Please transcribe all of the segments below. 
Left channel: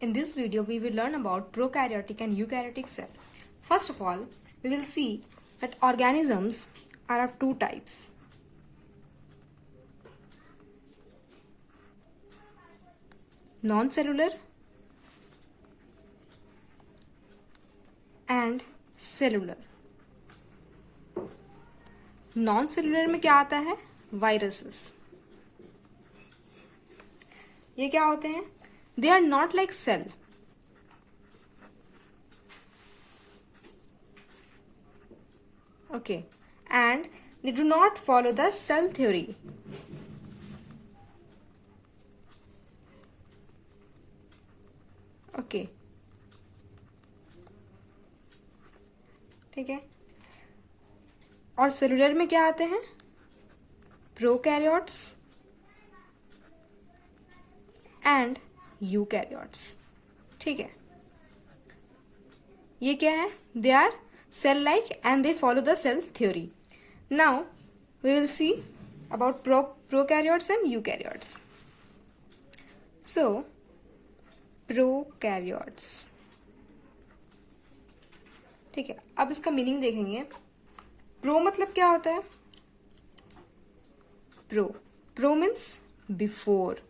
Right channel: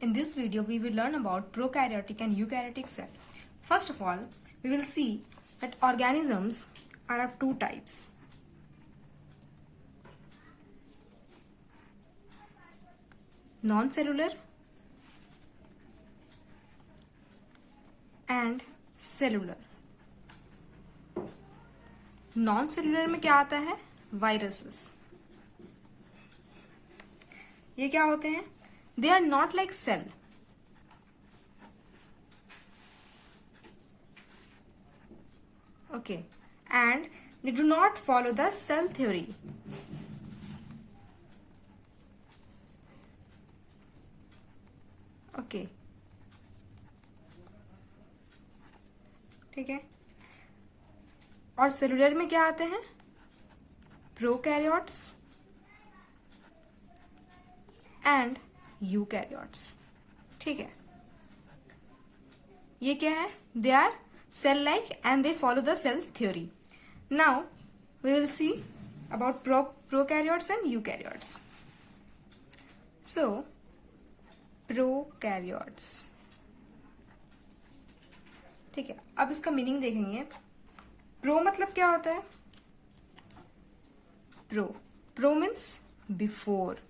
In this video, we will learn about prokaryotic and eukaryotic cell. First of all, we will see that organisms are of two types. Non-cellular and cellular. Non-cellular में क्या आता है? Viruses. ये क्या होते हैं? They are not like cell. Okay. And they do not follow the cell theory. Okay. ठीक है. और सेलुलर में क्या आते हैं? Prokaryotes and eukaryotes. ठीक है. ये क्या है? They are cell like and they follow the cell theory. Now we will see about prokaryotes and eukaryotes. So prokaryotes. ठीक है. अब इसका मीनिंग देखेंगे. प्रो मतलब क्या होता है? Pro means before.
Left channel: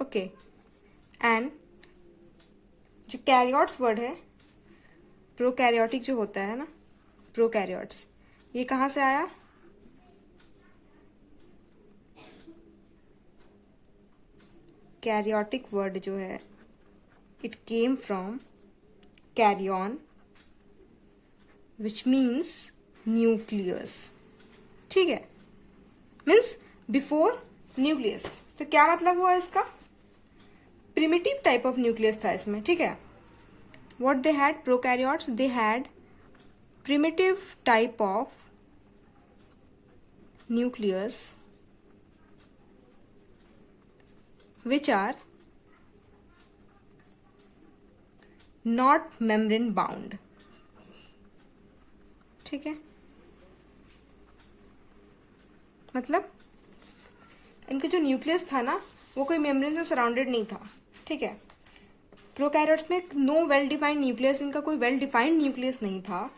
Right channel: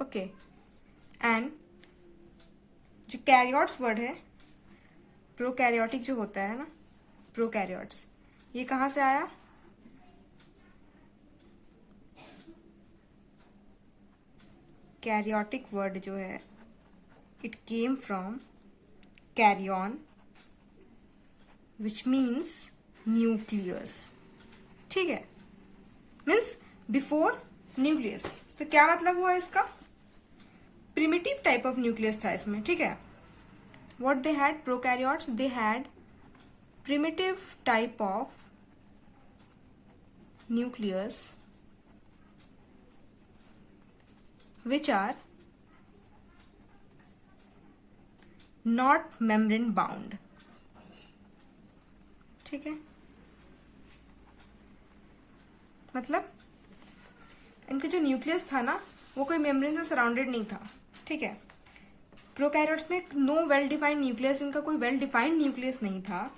Okay. And जो कैरियोट्स वर्ड है, प्रोकैरियोटिक जो होता है ना, प्रोकैरियोट्स, ये कहां से आया? कैरियोटिक वर्ड जो है, it came from karyon which means nucleus. ठीक है. Means before nucleus. तो क्या मतलब हुआ इसका? प्रिमिटिव टाइप ऑफ न्यूक्लियस था इसमें. ठीक है. What they had, prokaryotes, they had primitive type of nucleus which are not membrane bound. ठीक है. मतलब इनका जो न्यूक्लियस था ना, वो कोई मेम्ब्रेन से सराउंडेड नहीं था. ठीक है. प्रोकैरियोट्स में नो वेल डिफाइंड न्यूक्लियस, इनका कोई वेल डिफाइंड न्यूक्लियस नहीं था.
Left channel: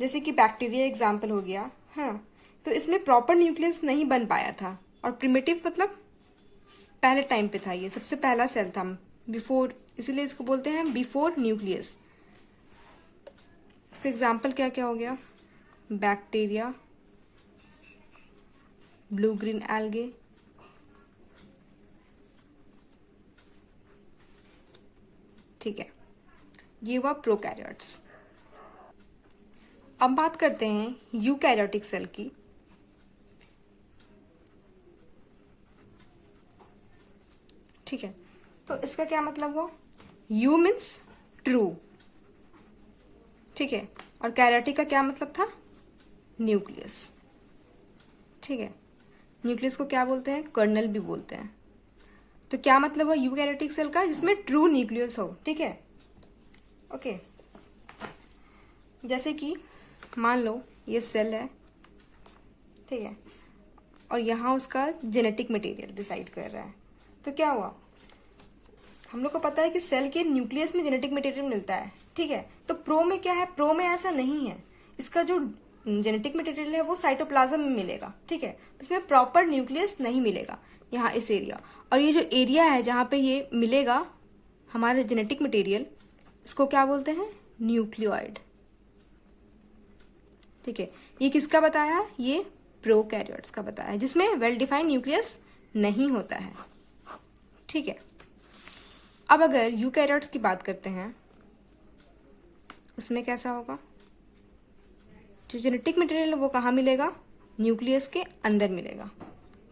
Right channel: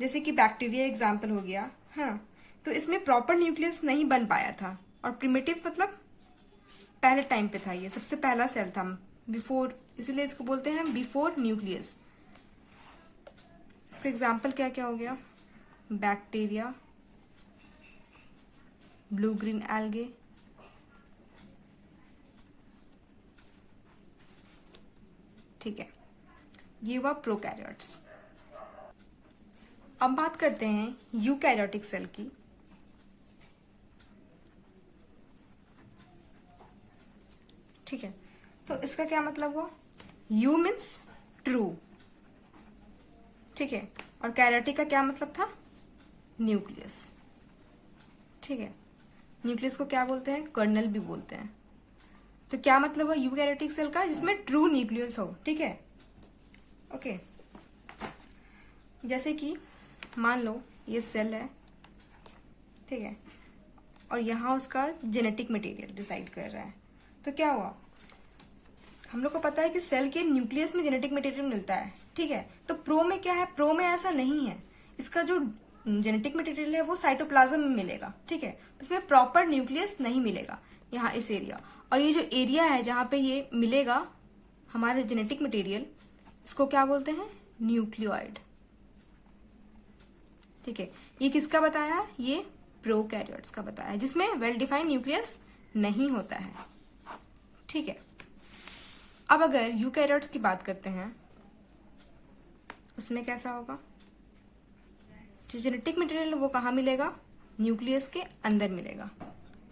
जैसे कि बैक्टीरिया एग्जाम्पल हो गया. हाँ. तो इसमें प्रॉपर न्यूक्लियस नहीं बन पाया था. और प्रिमिटिव मतलब पहले टाइम पे था, ये सबसे पहला सेल था बिफोर, इसीलिए इसको बोलते हैं बिफोर न्यूक्लियस. इसका एग्जाम्पल क्या क्या हो गया? Bacteria, blue green algae. ठीक है. ये हुआ प्रोकैरियोट्स. अब बात करते हैं यूकैरियोटिक सेल की. ठीक है. तो इसका क्या मतलब हुआ? You means true. ठीक है. और कैरियोटिक का क्या मतलब था? न्यूक्लियस. ठीक है. न्यूक्लियस को क्या बोलते हैं? कर्नल भी बोलते हैं. तो क्या मतलब है यूकैरियोटिक सेल का? जिसमें ट्रू न्यूक्लियस हो. ठीक है. ओके. जैसे कि मान लो ये सेल है. ठीक है. और यहां उसका जेनेटिक मटेरियल डिसाइड कर रहा है. तो क्या हुआ? हम लोग को पता है कि सेल के न्यूक्लियस में जेनेटिक मटेरियल मिलता है. ठीक है. तो प्रो में क्या है? प्रो में ऐसा नहीं है. इसका जो जेनेटिक मटेरियल है वो साइटोप्लाज्म में मिलेगा. ठीक है. इसमें प्रॉपर न्यूक्लियस नहीं मिलेगा यहाँ इस एरिया. और ये जो एरिया है जहां पे ये मिलेगा हमारा जेनेटिक मटेरियल, इसको क्या बोलते हैं? न्यूक्लियोइड. ठीक है. ये किसका बताया? ये प्रोकैरियोट्स का बताया, जिसमें वेल डिफाइंड न्यूक्लियस नहीं होता है. ठीक है. अब अगर यूकैरियोट्स की बात करते हैं, उसमें कैसा होगा? जो जेनेटिक मटेरियल है वो कहाँ मिलेगा? न्यूक्लियस के अंदर मिलेगा.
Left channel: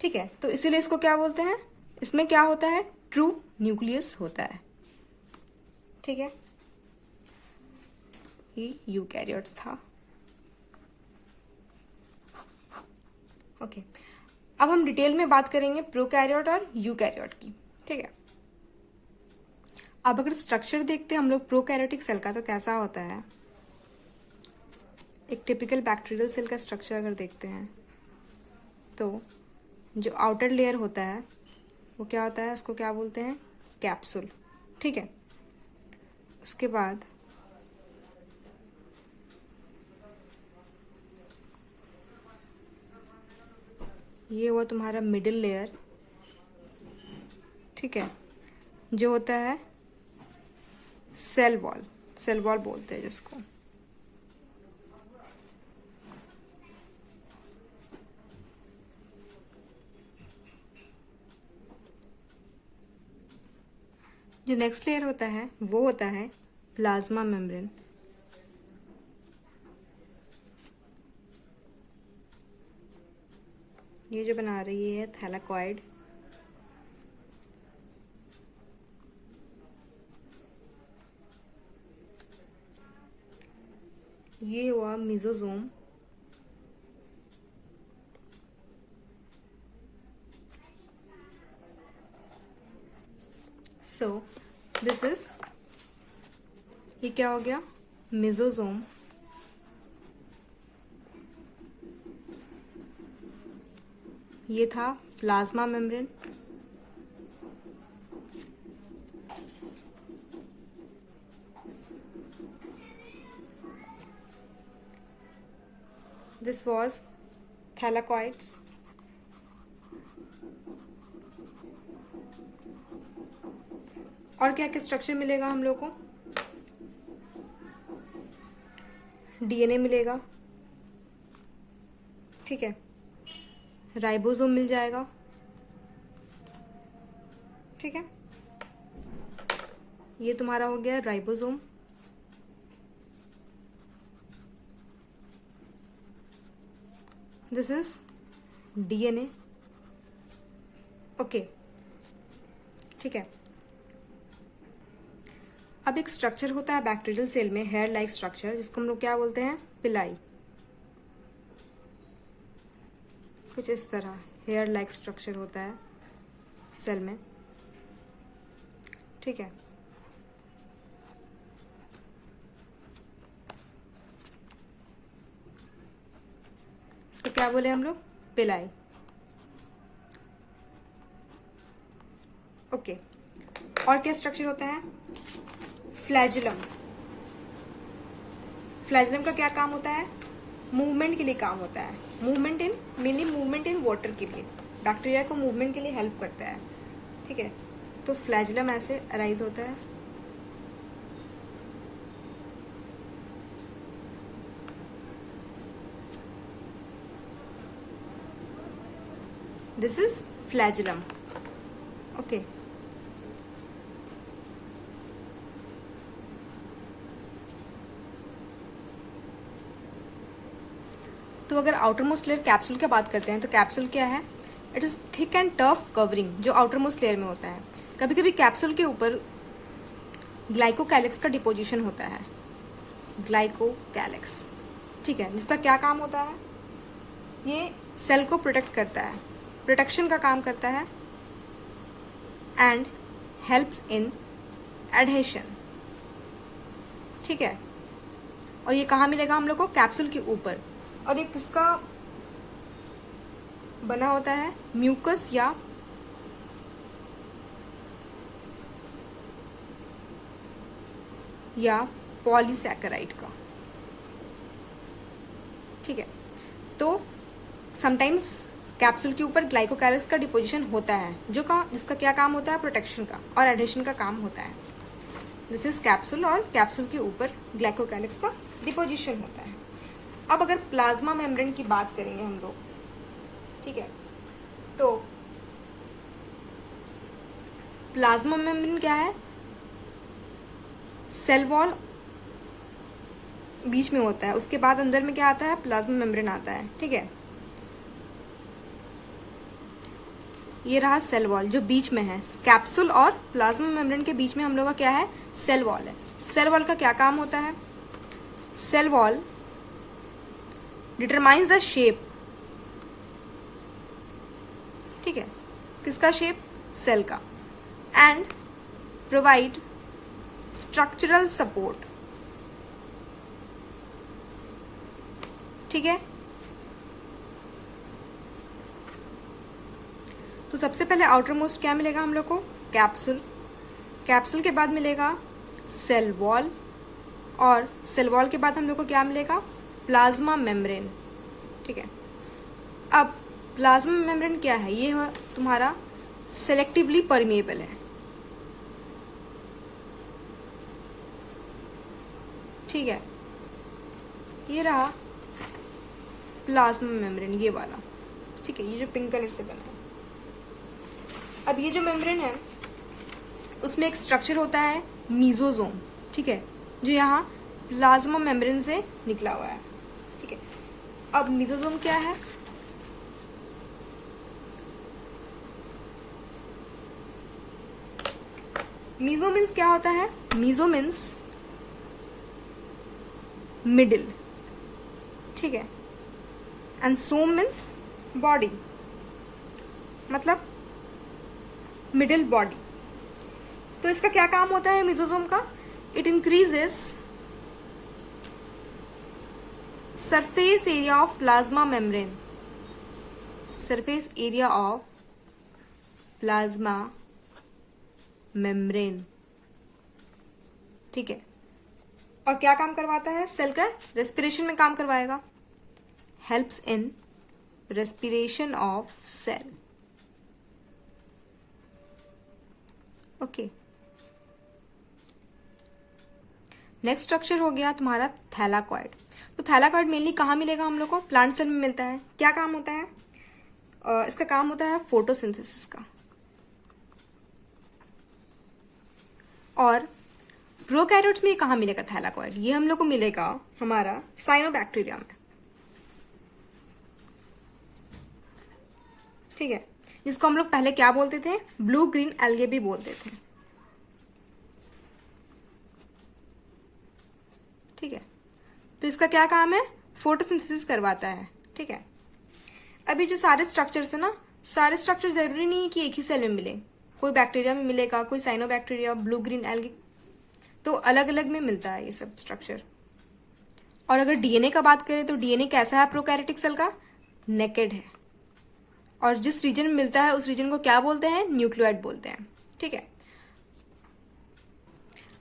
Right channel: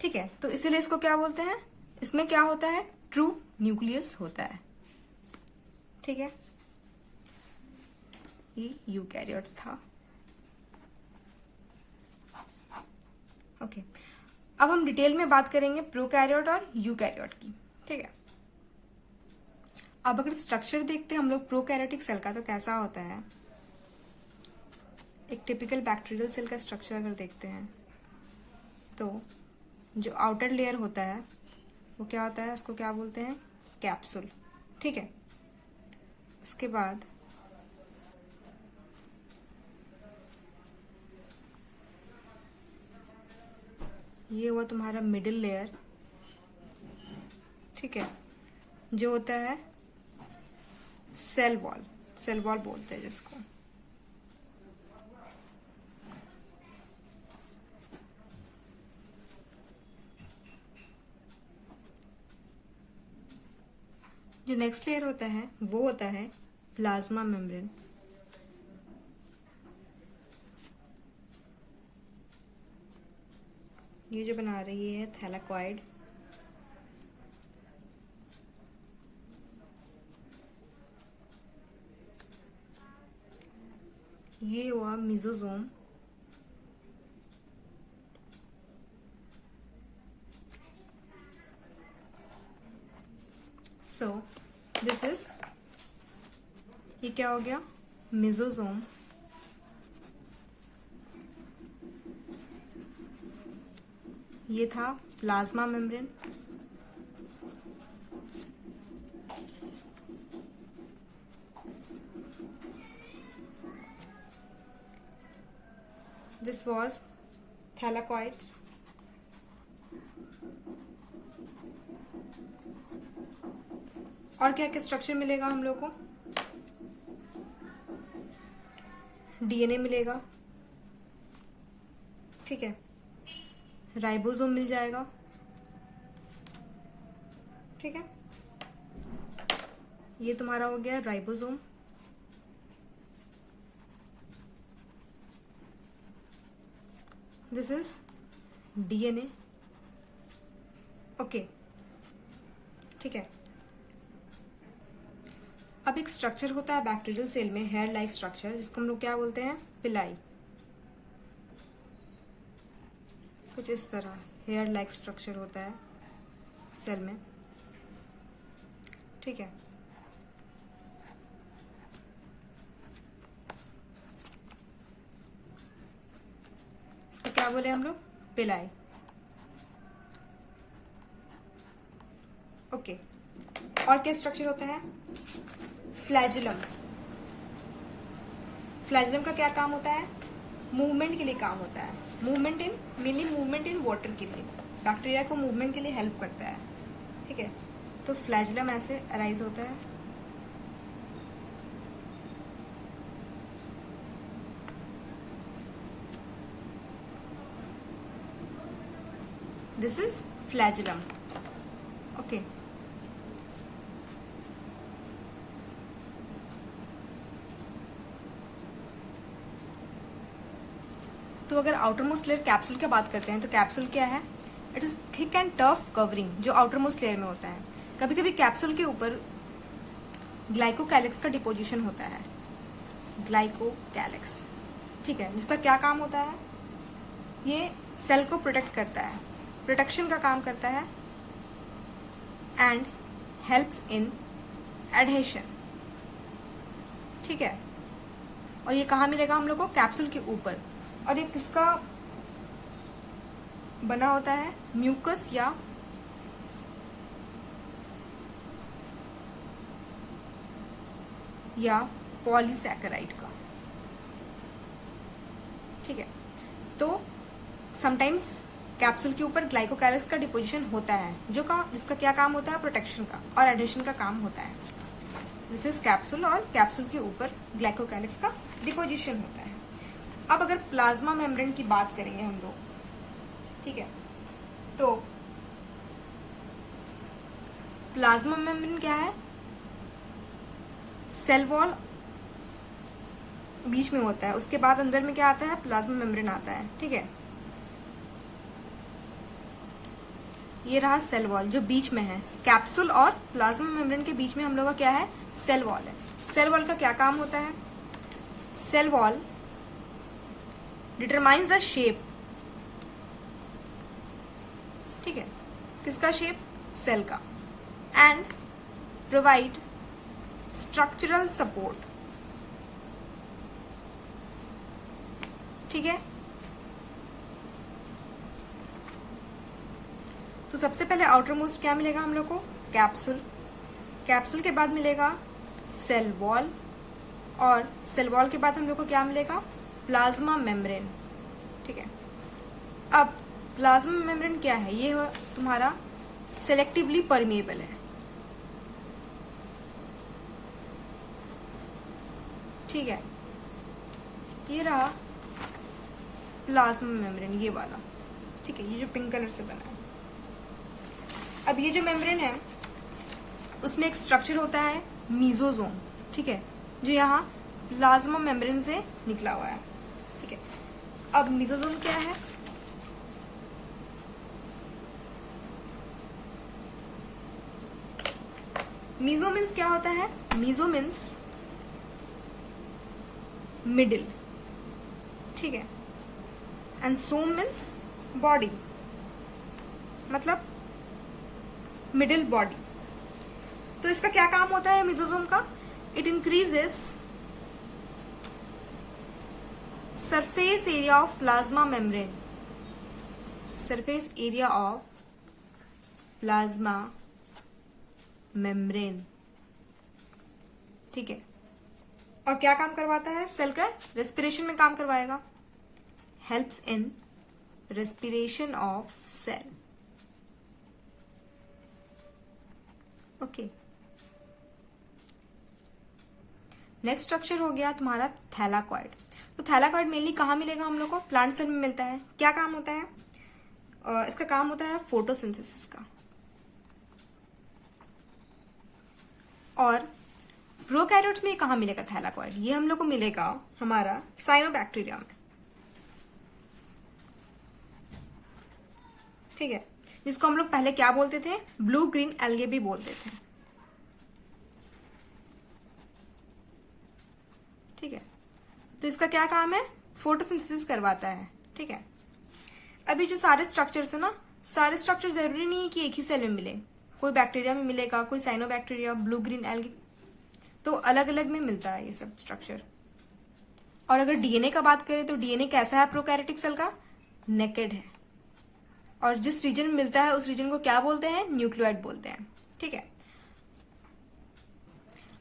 ठीक है. तो इसीलिए इसको क्या बोलते हैं? इसमें क्या होता है? ट्रू न्यूक्लियस होता है. ठीक है. ये यूकैरियोट्स था. ओके. अब हम डिटेल में बात करेंगे प्रोकैरियोट और यूकैरियोट की. ठीक है. अब अगर स्ट्रक्चर देखते हैं हम लोग प्रोकैरियोटिक सेल का, तो कैसा होता है? एक टिपिकल बैक्टीरियल सेल का स्ट्रक्चर अगर देखते हैं तो जो आउटर लेयर होता है वो क्या होता है? उसको क्या बोलते हैं? कैप्सूल. ठीक है. उसके बाद ये हुआ तुम्हारा मिडिल लेयर, ठीक है, जो होता है सेल वॉल, सेल वॉल बोलते हैं जिसको। जो नेक्स्ट लेयर होता है वो होता है प्लाज्मा मेम्ब्रेन। ये जो बना रही है थैलाकॉइड, ये हुआ मेसोसोम, सो दिस इज, ये क्या हो गया, मेसोसोम। ये था plasma membrane, this was thylakoids. और क्या क्या स्ट्रक्चर मिलेगा हम लोग को, डीएनए मिलेगा, ठीक है, राइबोसोम मिल जाएगा, ठीक है, ये तुम्हारा हो गया ribosome. This is DNA, okay, ठीक है। अब एक स्ट्रक्चर होता है बैक्टीरियल सेल में, हेयर लाइक स्ट्रक्चर, जिसको हम लोग क्या बोलते हैं, पिलाई। कुछ इस तरह हेयर लाइक स्ट्रक्चर होता है सेल में, ठीक है। इसको क्या बोले हम लोग, पिलाई, ओके। और क्या स्ट्रक्चर होता है, फ्लैजुलम। फ्लैजुलम का क्या काम होता है, मूवमेंट के लिए काम होता है, movement in, mainly movement in water के लिए, बैक्टीरिया को मूवमेंट के लिए हेल्प करता है, ठीक है। तो फ्लैजुलम ऐसे अराइज होता है, दिस इज फ्लैजुलम, ओके। तो अगर आउटर मोस्ट लेयर कैप्सूल की बात करते हैं तो कैप्सूल क्या है, it is thick and tough covering, जो आउटर मोस्ट लेयर में होता है। कभी कभी कैप्सूल के ऊपर ग्लाइकोकैलिक्स का डिपोजिशन होता है, ग्लाइकोकैलिक्स, ठीक है, जिसका क्या काम होता है, ये सेल को प्रोटेक्ट करता है, प्रोटेक्शन का काम करता है, एंड हेल्प्स इन एडहेशन, ठीक है। और ये कहाँ मिलेगा हम लोग को, कैप्सूल के ऊपर। और ये किसका बना होता है, म्यूकस या पॉलीसैकेराइड का, ठीक है। तो समटाइम्स कैप्सूल के ऊपर ग्लाइकोकैलिक्स का डिपोजिशन होता है, जिसका क्या काम होता है, प्रोटेक्शन का और एडहेशन का काम होता है। दिस इज कैप्सूल, और कैप्सूल के ऊपर ग्लाइकोकैलिक्स का डिपोजिशन होता है। अब अगर प्लाज्मा मेम्ब्रेन की बात करेंगे हम लोग, ठीक है, तो प्लाज्मा मेम्ब्रेन क्या है, सेल वॉल बीच में होता है, उसके बाद अंदर में क्या आता है, प्लाज्मा मेम्ब्रेन आता है, ठीक है। ये रहा सेल वॉल जो बीच में है, कैप्सूल और प्लाज्मा मेम्ब्रेन के बीच में हम लोग का क्या है, सेल वॉल है। सेल वॉल का क्या काम होता है, cell wall determines the shape, ठीक है, किसका शेप, सेल का, एंड प्रोवाइड स्ट्रक्चरल सपोर्ट, ठीक है। तो सबसे पहले आउटर मोस्ट क्या मिलेगा हम लोग को, कैप्सूल, कैप्सूल के बाद मिलेगा सेल वॉल, और सेल वॉल के बाद हम लोग को क्या मिलेगा, प्लाज्मा मेम्ब्रेन। ठीक है, अब प्लाज्मा मेम्ब्रेन क्या है, ये तुम्हारा सेलेक्टिवली परमेएबल है। ठीक है, ये रहा प्लाज्मा मेम्ब्रेन, ये वाला। ठीक है, ये जो पिंक कलर से बना है। अब ये जो मेम्ब्रेन है उसमें एक स्ट्रक्चर होता है मीजोजोम। ठीक है, जो यहाँ प्लाज्मा मेम्ब्रेन से निकला हुआ है। ठीक है, अब मीजोजोम क्या है, मीजो मीन्स क्या होता है, मीजो मीन्स मिडिल। ठीक है, एंड सोम मीन्स बॉडी, मतलब मिडिल बॉडी। तो इसका क्या काम होता है मीजोजोम का, it increases surface area of plasma membrane, surface area of plasma membrane. ठीक है, और क्या काम करवाता है, सेल का रेस्पिरेशन में काम करवाएगा, helps in respiration of cell. Okay, next structure हो गया तुम्हारा थैलाकॉइड। तो थैलाकॉइड मेनली कहाँ मिलेगा हम लोग को, प्लांट सेल में मिलता है। क्या काम होता है, इसका काम होता है फोटोसिंथेसिस का। और प्रोकैरियोट्स में कहाँ मिलेगा थैलाकॉइड, ये हम लोग को मिलेगा हमारा साइनोबैक्टीरिया में। ठीक है, जिसको हम लोग पहले क्या बोलते थे, ब्लू ग्रीन एल्गे भी बोलते थे। ठीक है, तो इसका क्या काम है, फोटोसिंथेसिस करवाता है। ठीक है, अभी जो सारे स्ट्रक्चर्स है ना, सारे स्ट्रक्चर जरूरी नहीं है कि एक ही सेल में मिले, कोई बैक्टीरिया में मिलेगा, कोई साइनोबैक्टीरिया, ब्लू ग्रीन एल्गे, तो अलग अलग में मिलता है ये सब स्ट्रक्चर। और अगर डीएनए का बात करें तो डीएनए कैसा है प्रोकैरियोटिक सेल का, नेकेड है, और जिस रीजन में मिलता है उस रीजन को क्या बोलते हैं, न्यूक्लियोइड बोलते हैं। ठीक है,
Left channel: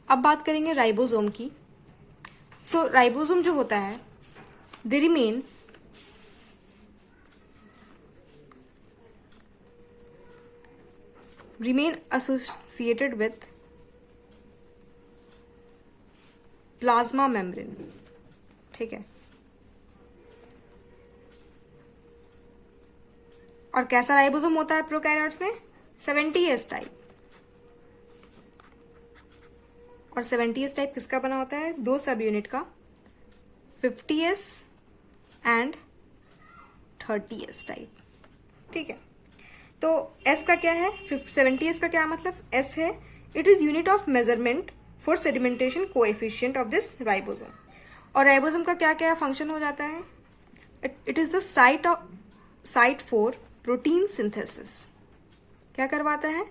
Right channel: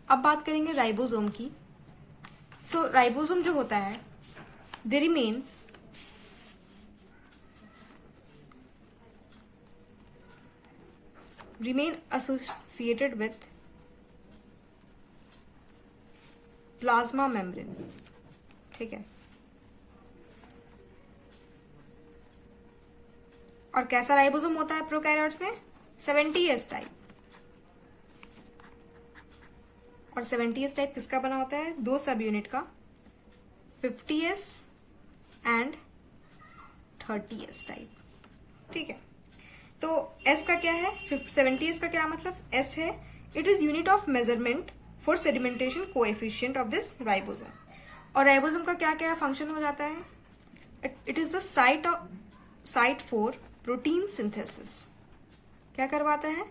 अब बात करेंगे राइबोसोम की। सो राइबोसोम जो होता है, they remain associated with plasma membrane. ठीक है, और कैसा राइबोसोम होता है प्रोकैरियोट्स में, 70S टाइप। और 70S टाइप किसका बना होता है, दो सब यूनिट का, 50S एंड 30S टाइप। ठीक है, तो S का क्या है, 70S का क्या मतलब, S है it is unit of measurement for sedimentation coefficient of this ribosome. और राइबोसोम का क्या क्या फंक्शन हो जाता है, it is the site for protein synthesis. क्या करवाता है,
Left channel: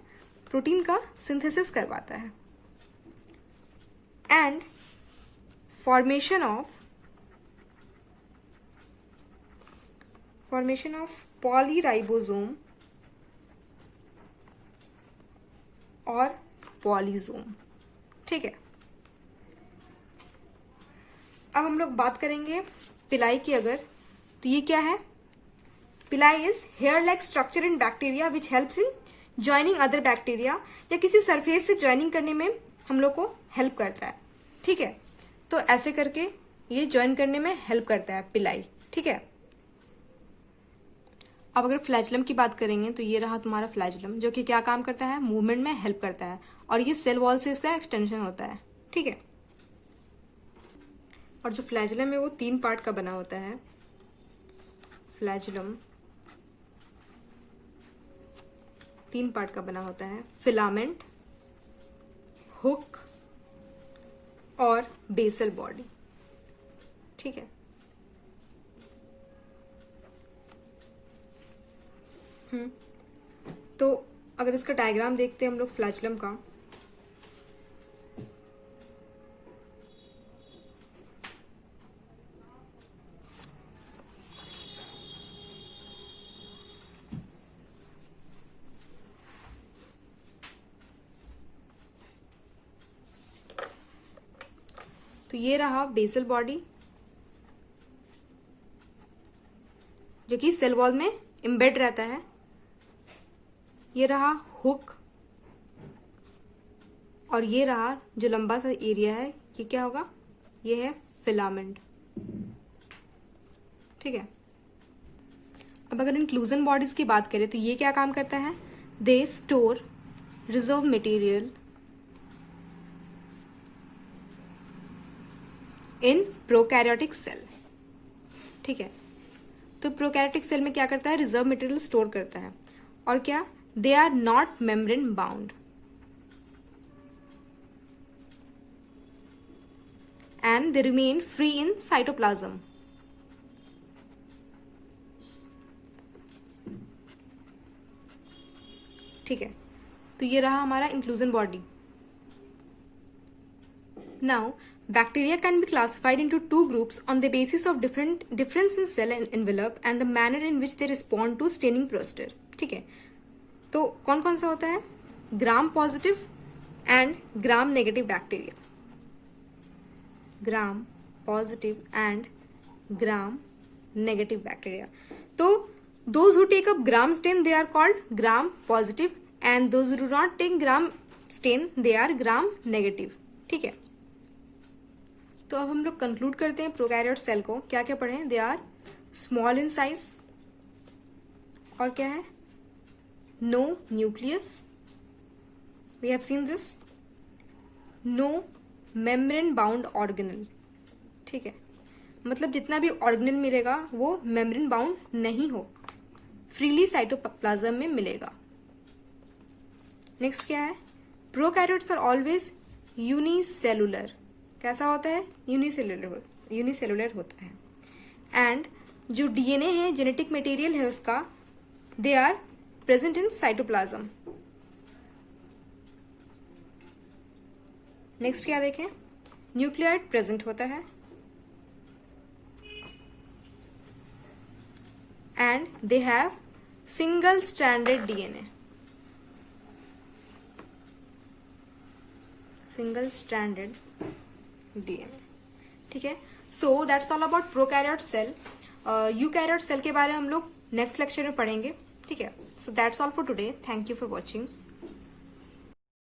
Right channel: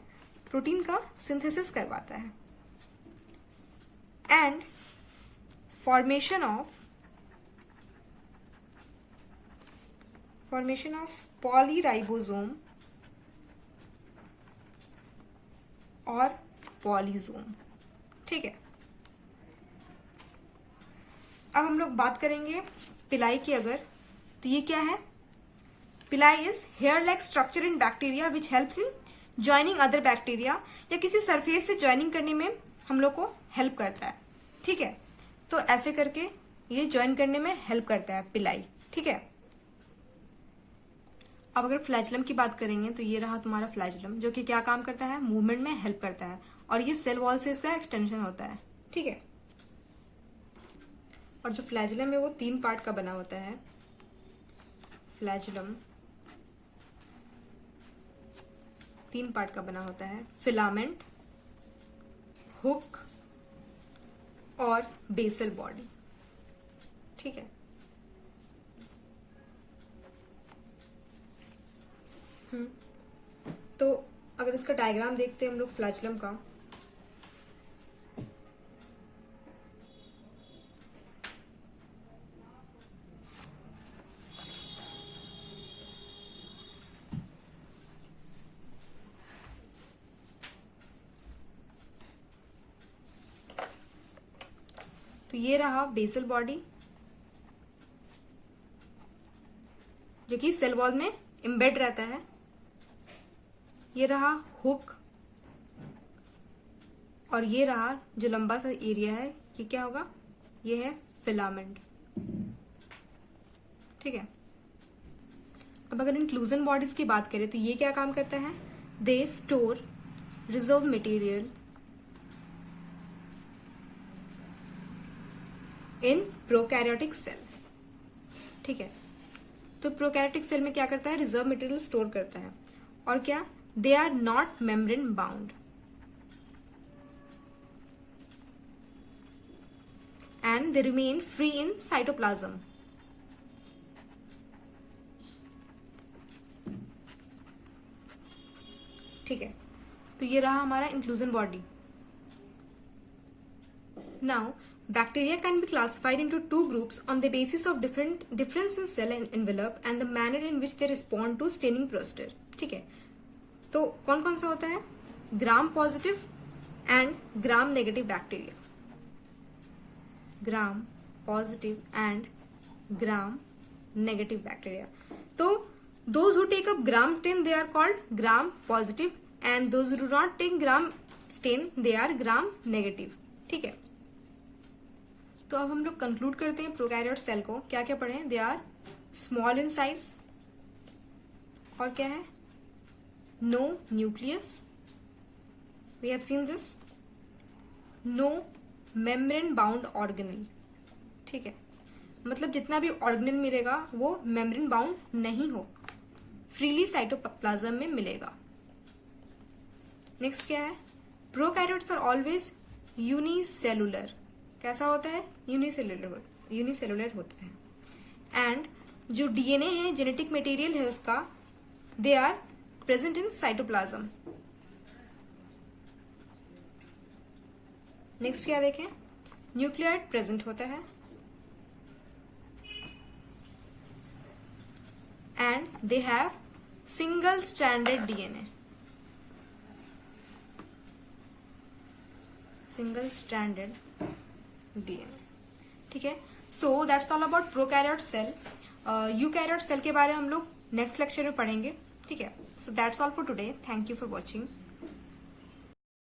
प्रोटीन का सिंथेसिस करवाता है, एंड फॉर्मेशन ऑफ पॉलीराइबोसोम और पॉलीजोम। ठीक है, अब हम लोग बात करेंगे पिलाई की। अगर तो ये क्या है, पिलाई is here like structure in bacteria which helps in joining other bacteria, या किसी सरफेस से ज्वाइनिंग करने में हम लोग को हेल्प करता है। ठीक है, तो ऐसे करके ये ज्वाइन करने में हेल्प करता है पिलाई। ठीक है, अब अगर फ्लैजलम की बात करेंगे तो ये रहा तुम्हारा फ्लैजलम, जो कि क्या काम करता है, मूवमेंट में हेल्प करता है, और ये सेल वॉल से इसका एक्सटेंशन होता है। ठीक है, और जो फ्लैजलम है वो 3 पार्ट का बना होता है। फ्लैजलम 3 पार्ट का बना होता है, फिलामेंट, हुक और बेसल बॉडी। ठीक है, तो अगर इसका डायग्राम देखते हैं हम लोग फ्लैजलम का, तो ये रहा बेसल बॉडी जो कि सेल वॉल में एम्बेड रहता है। ये रहा हुक, और ये रहा जो लंबा सा एरिया है, ये क्या होगा, ये है फिलामेंट। ठीक है। अब अगर इंक्लूजन बॉडीज की बात करें तो ये क्या काम करता है, they store reserve material in prokaryotic cell. ठीक है, तो प्रोकैरियोटिक सेल में क्या करता है, रिजर्व मटेरियल स्टोर करता है। और क्या, they are not membrane bound and they remain free in cytoplasm. ठीक है, तो ये रहा हमारा inclusion body. Now bacteria can be classified into two groups on the basis of difference in cell envelope and the manner in which they respond to staining procedure. ठीक है, तो कौन कौन सा होता है, gram positive and gram negative bacteria. Gram positive and gram negative bacteria. तो those who take up gram stain they are called gram positive and those who do not take gram stain they are gram negative। ठीक है, तो अब हम लोग conclude करते हैं prokaryote cell को। क्या क्या पढ़े, they are small in size, और क्या है, no nucleus, we have seen this, no membrane bound organelle. ठीक है, मतलब जितना भी ऑर्गेनल मिलेगा वो मेम्ब्रेन बाउंड नहीं हो, फ्रीली साइटोप्लाज्म में मिलेगा। नेक्स्ट क्या है, प्रोकैरियोट्स आर ऑलवेज यूनिसेलुलर। कैसा होता है, यूनिसेलुलर होता है। एंड जो डीएनए है, जेनेटिक मटेरियल है उसका, they are present in cytoplasm. Next क्या देखें, न्यूक्लियोइड प्रेजेंट होता है and they have single stranded DNA, single stranded DNA. ठीक है, so that's all about prokaryote cell. Eukaryote cell के बारे में हम लोग नेक्स्ट लेक्चर में पढ़ेंगे। ठीक है, so that's all for today, thank you for watching.